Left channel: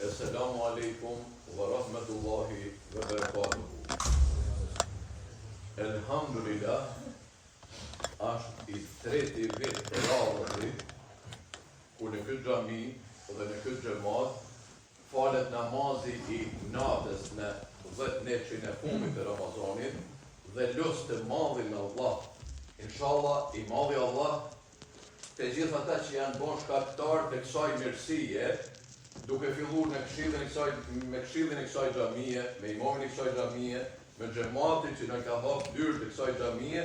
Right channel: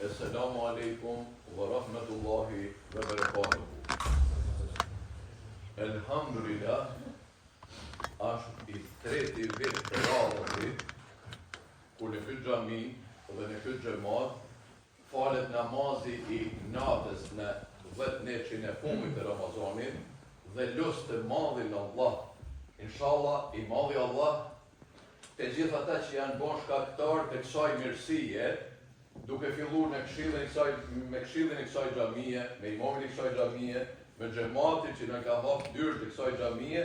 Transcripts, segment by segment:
Assalamu alaikum wa rahmatullahi wa barakatuhu. Elhamdulillah, është i treti vit të radhës ku në këtë xhami dhe në këtë xhamat falet namazi i natës në 10 neçin e fundit të Ramazanit dhe lut të madhin Allah. Inshallah, i madhi Allah të gjithë ata që janë bën shkaktar të kësaj mirësie, duke filluar me këshillin e kësaj xhamie, me imamin e kësaj xhamie, me xhamatin që na ka hapur dyert e kësaj xhamie,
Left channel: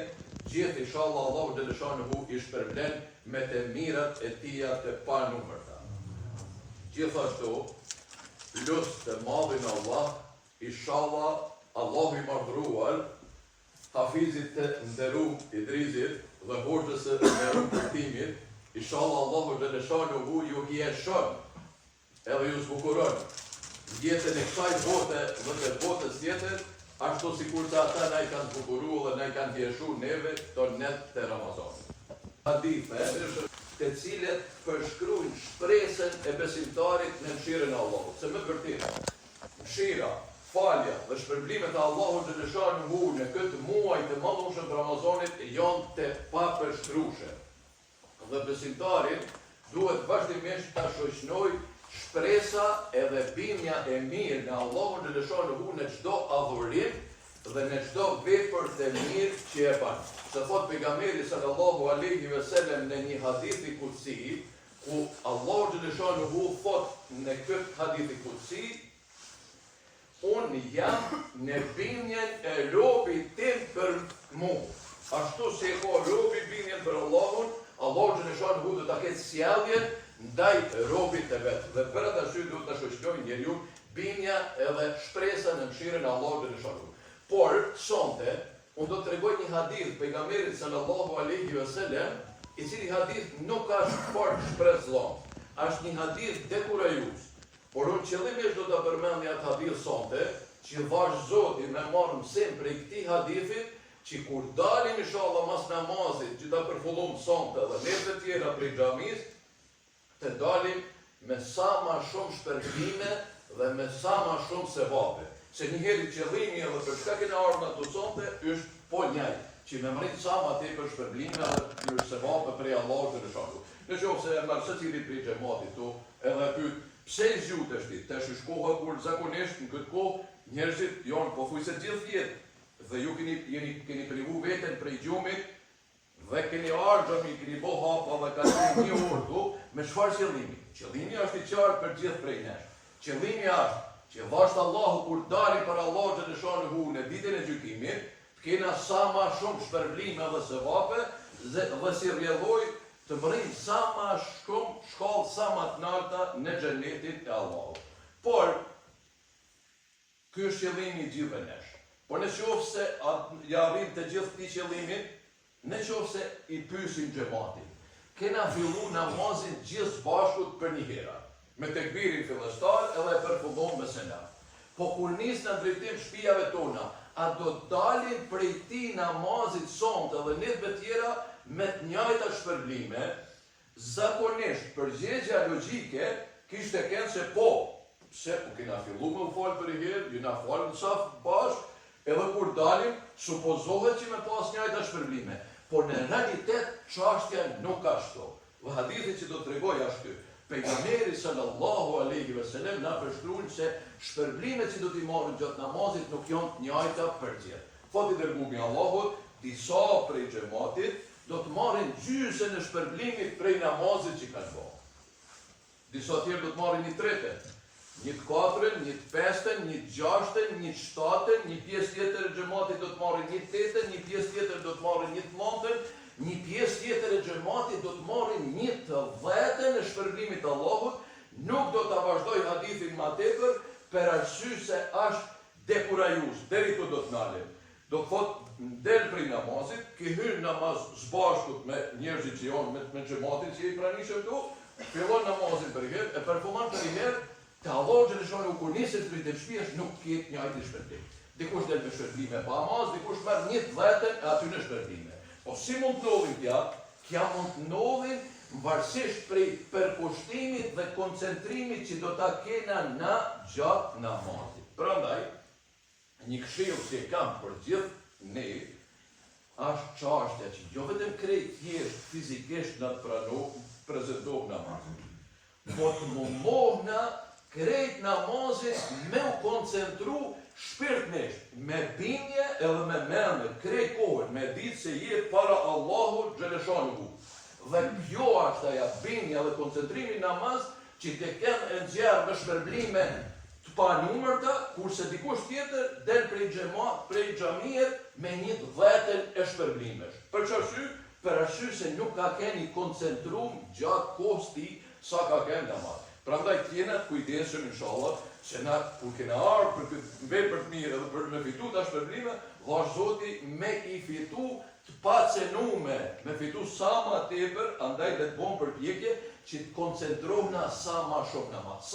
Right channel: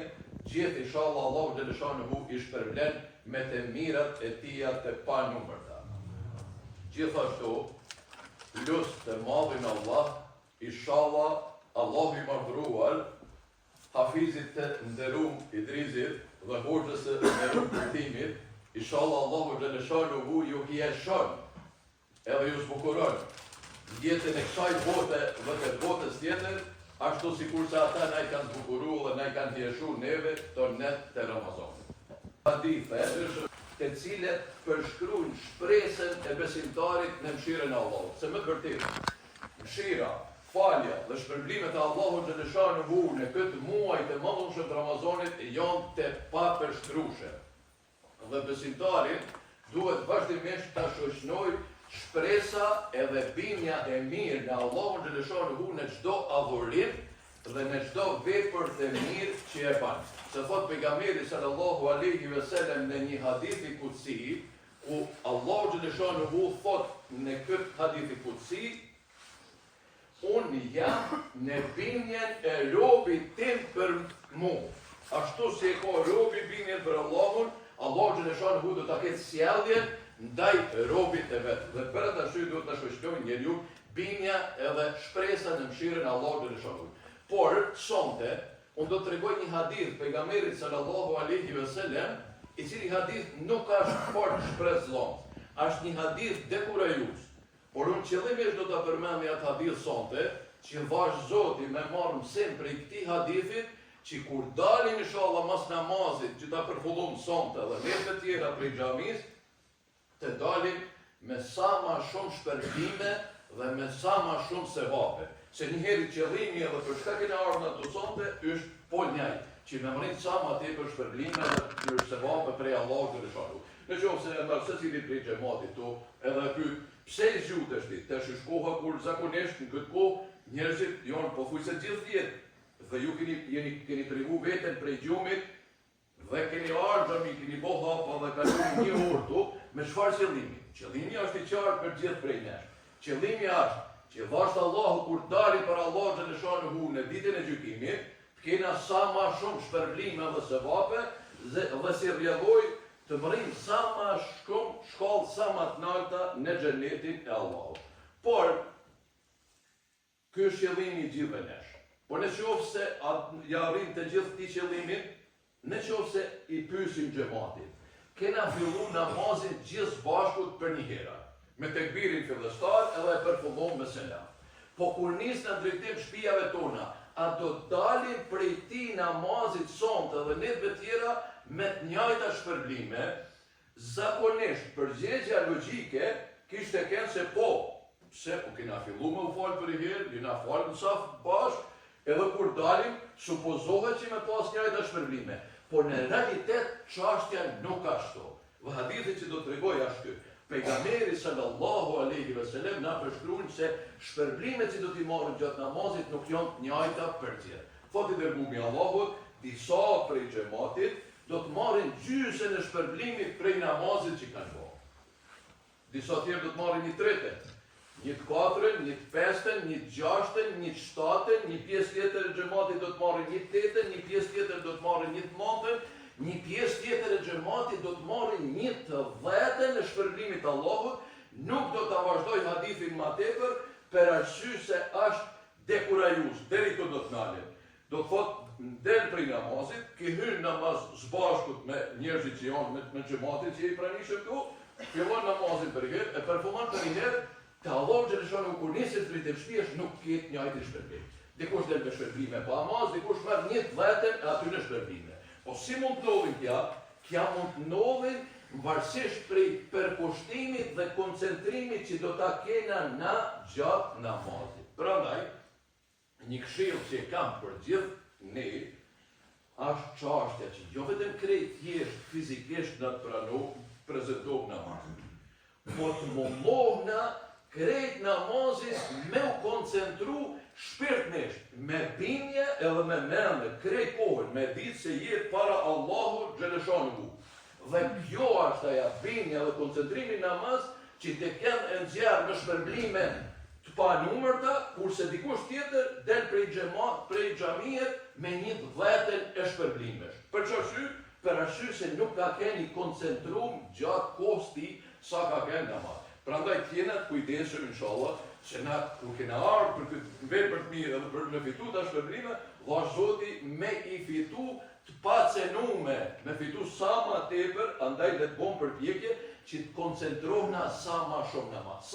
gjithë inshallah Allahu xhaleshanuhu i shpërblen me të mirat e tija të panumërta. Gjithashtu, lut të madhin Allah, inshallah Allahu i madhruar, hafizit të nderuar Idrisit dhe hoxhës së nderuar Kurtimit, inshallah Allahu xhaleshanuhu ju hieshon edhe ju zbukuron jetën e kësaj bote dhe të botës tjetër, ashtu sikur se ata na i kanë zbukuruar dhe na i kanë hieshuar neve këto net të Ramazanit. Hadithe të cilet përshkruajnë shpresën e besimtarit në mëshirën e Allahut. Se më të vërtetë, mëshira, falja dhe shpërblimet e Allahut xhaleshanuhu në këtë muaj të madhëshëm të Ramazanit janë të papërshkrueshme. Dhe besimtarit duhet vazhdimisht ta shoqënojë shpresa edhe bindja e mirë nga Allahu xhaleshanuhu në çdo adhurim dhe në çdo vepër të mirë që e bën. Se thot pejgamberi sallallahu alaihi wasallam në një hadith i kutsi, ku Allahu xhaleshanuhu thot në këtë hadith i kutsi, unë jam në bindjen e robit tim për mua. Ashtu si e ka robi bindjen për Allahun, Allahu xhaleshanuhu do ta ketë sjelljen ndaj robit të vetë. Dhe për atë arsye duhet ta shoqërojë njeriu bindja edhe shpresa në mëshirën e Allahut xhaleshanuhu. Por sonte unë do të tregoj një hadith pejgamberit sallallahu alaihi wasallam, i cili hadith nuk ka fort shpresëllon. Është një hadith dekurajues. Por unë qëllimisht do ta përmendja atë hadith sonte, që vazhdoni me marrë mësim prej këtij hadithi, që kur dalim inshallah mas namazit, që ta përfullojmë sonte dhe nesër tjera prej xhamisë, të dalim me sa ma shumë shpërbime dhe me sa ma shumë sevape. Se njëherë qëllimi edhe për shkak e ardhur nga sonte është po njëjtë, që me mrit sa ma tepër shpërblime dhe për sevape prej Allahut xhaleshanuhu. Nëse marr secili prej xhamatit tu, edhe e pyet pse i zgjutesh ti? Tash është koha kur zakonisht në këtë kohë njerëzit janë pothuajse gjithë jetë dhe ju keni privu veten prej gjumit dhe keni ardhur, keni bo hapa dhe kaloni një orë tu, me çfarë qëllimi? Qëllimi është i qartë për gjithë prej nesh. Qëllimi është që vashtë Allahu kur dali për Allahu xhaleshanuhu në ditën e gjykimit, të kena sa ma shumë shpërblime dhe sevape dhe si rrjedhoj të bëjmë sa ma shumë shkallë sa ma të larta në xhenetin e Allahut. Por ky është qëllimi i gjithë nesh. Por nëse ja arrim të gjithë këtij qëllimin, nëse i pyesim xhamatin, kena fillu namazin gjithë bashkut për një herë, me tekbirin fillestar edhe e përfullon me selam. Po kur nis në drejtim shtëpive tona, a do dalim prej ti namazit sonte dhe netëve tjera me të njëjta shpërblime? Zakonisht përgjigjja logjike kishte qenë se po, pse u kena fillu me u fal për herë, jena fal në saf bashk, edhe kur dalim supozohet që me pas njëjta shpërblime. Por në realitet çështja nuk ka ashtu. Dhe hadithi që do të tregoj është ky. Pejgamberi sallallahu alaihi wasallam na përshkruan se shpërblimet që do t'i marrin gjatë namazit nuk janë të njëjta për gjithë. Fati i dërguari i Allahut, disa prej xhamatit do të marrin gjysmën e shpërblimit prej namazit që kanë bërë. Disa tjerë do të marrin një tretë, një të katërën, një të pestën, një të gjashtën, një të shtatën, një pjesë tjetër e xhamatit do të marrin një të tetën, një pjesë tjetër do të marrin një të nëntën, një pjesë tjetër e xhamatit do të marrin një të dhjetën e shpërblimit të Allahut. Nuk do ta vazhdoj hadithin më tepër për arsye se është dekurajues. Deri këtu do të ndalim. Do të thotë del prej namazit, ke hyrë namaz zbashkut me njerëzit që janë me xhamatin që i pranishëm këtu, fillon namazin për herë, e përfundon për herë. Të Allahu xhaleshanuhu kur nisën drejt shtëpisë nuk ketë njëjtë shpërblim. Dikush del me shpërblime pa namaz, dikush merr një dhjetën e aty në shpërblime. Po si mund të ndodhin kja mund të ndodhin varësisht prej përkushtimit dhe koncentrimit që do ta kena na gjatë namazit. Prandaj, një këshill që kam për gjithë ne, është çështja që jo vetëm krejt thjesht fizikisht na prezantojmë namazin, po të mohna krejt namazin me u koncentru shpirtnisht, me bindje edhe me mendje, krejt kohën, me ditë se jetë para Allahu xhaleshanuhu. Dhe kjo është ajo bindja dhe koncentrimi në namaz që të kemë e nxjerrë me shpërblime të panumërta, kurse dikush tjetër del prej xhamat, prej xhamiet me një dhjetën e shpërblimesh. Për çfarë? Për arsye se nuk ka keni koncentruar gjatë kohës tij sa ka qenë namaz. Prandaj t'jena të kujdesshëm inshallah që na kur kena ardhur për këtë vepër të mirë edhe për me fitu ta shpërblime, vash Zoti me i fitu të pacenume, me fitu sa ma tepër, andaj dhe të bom përpjekje që të koncentrohna sa ma shumë namaz.